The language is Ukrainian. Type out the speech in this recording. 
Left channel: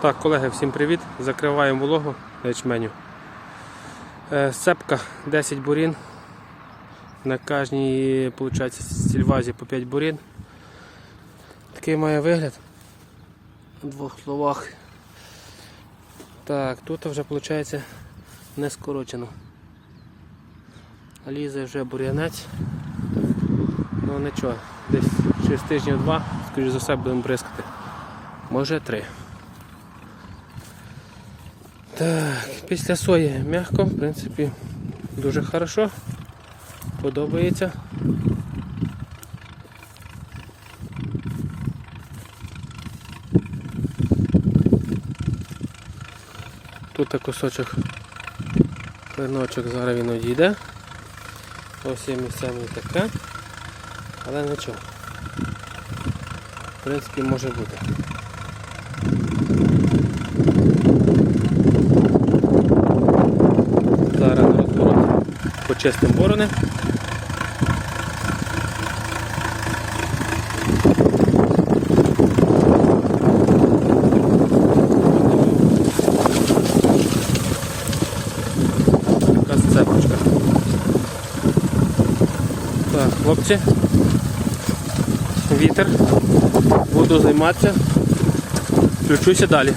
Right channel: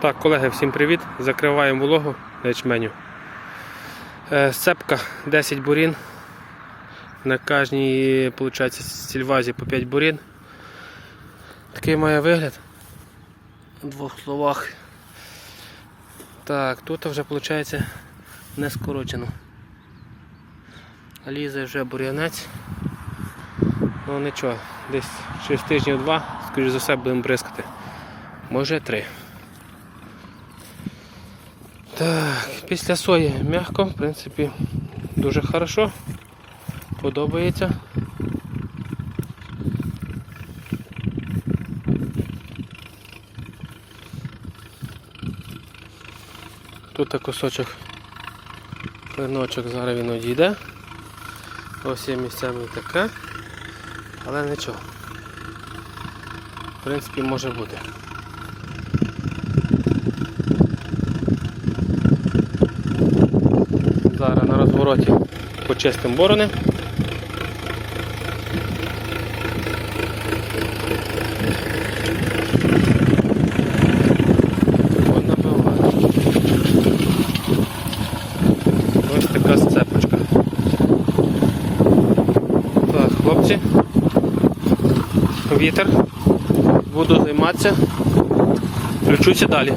Так, колеги, всім привіт. Закриваємо вологу ячменю. Е, Сцепка 10 бурін. На кожній, виходить, сільвазі по 5 бурін. Такий має вигляд. У двох словах. Так, тут вже виходить не скорочено. Лізе вже бур'янець. Ну нічого, десь через тижнів два, скоріш за все, будемо бризкати. Може три. Так, після сої м'яко, в принципі, дуже хорошо. Подобається. Тут кусочок клиночок, зараз він одійде. Ось є місцями таке, але нічого. В принципі, може бути. Зараз на розвороті почистимо борони. Ось така сцепочка. Так, хлопці. Вітер. Буду займатися. Включуся далі.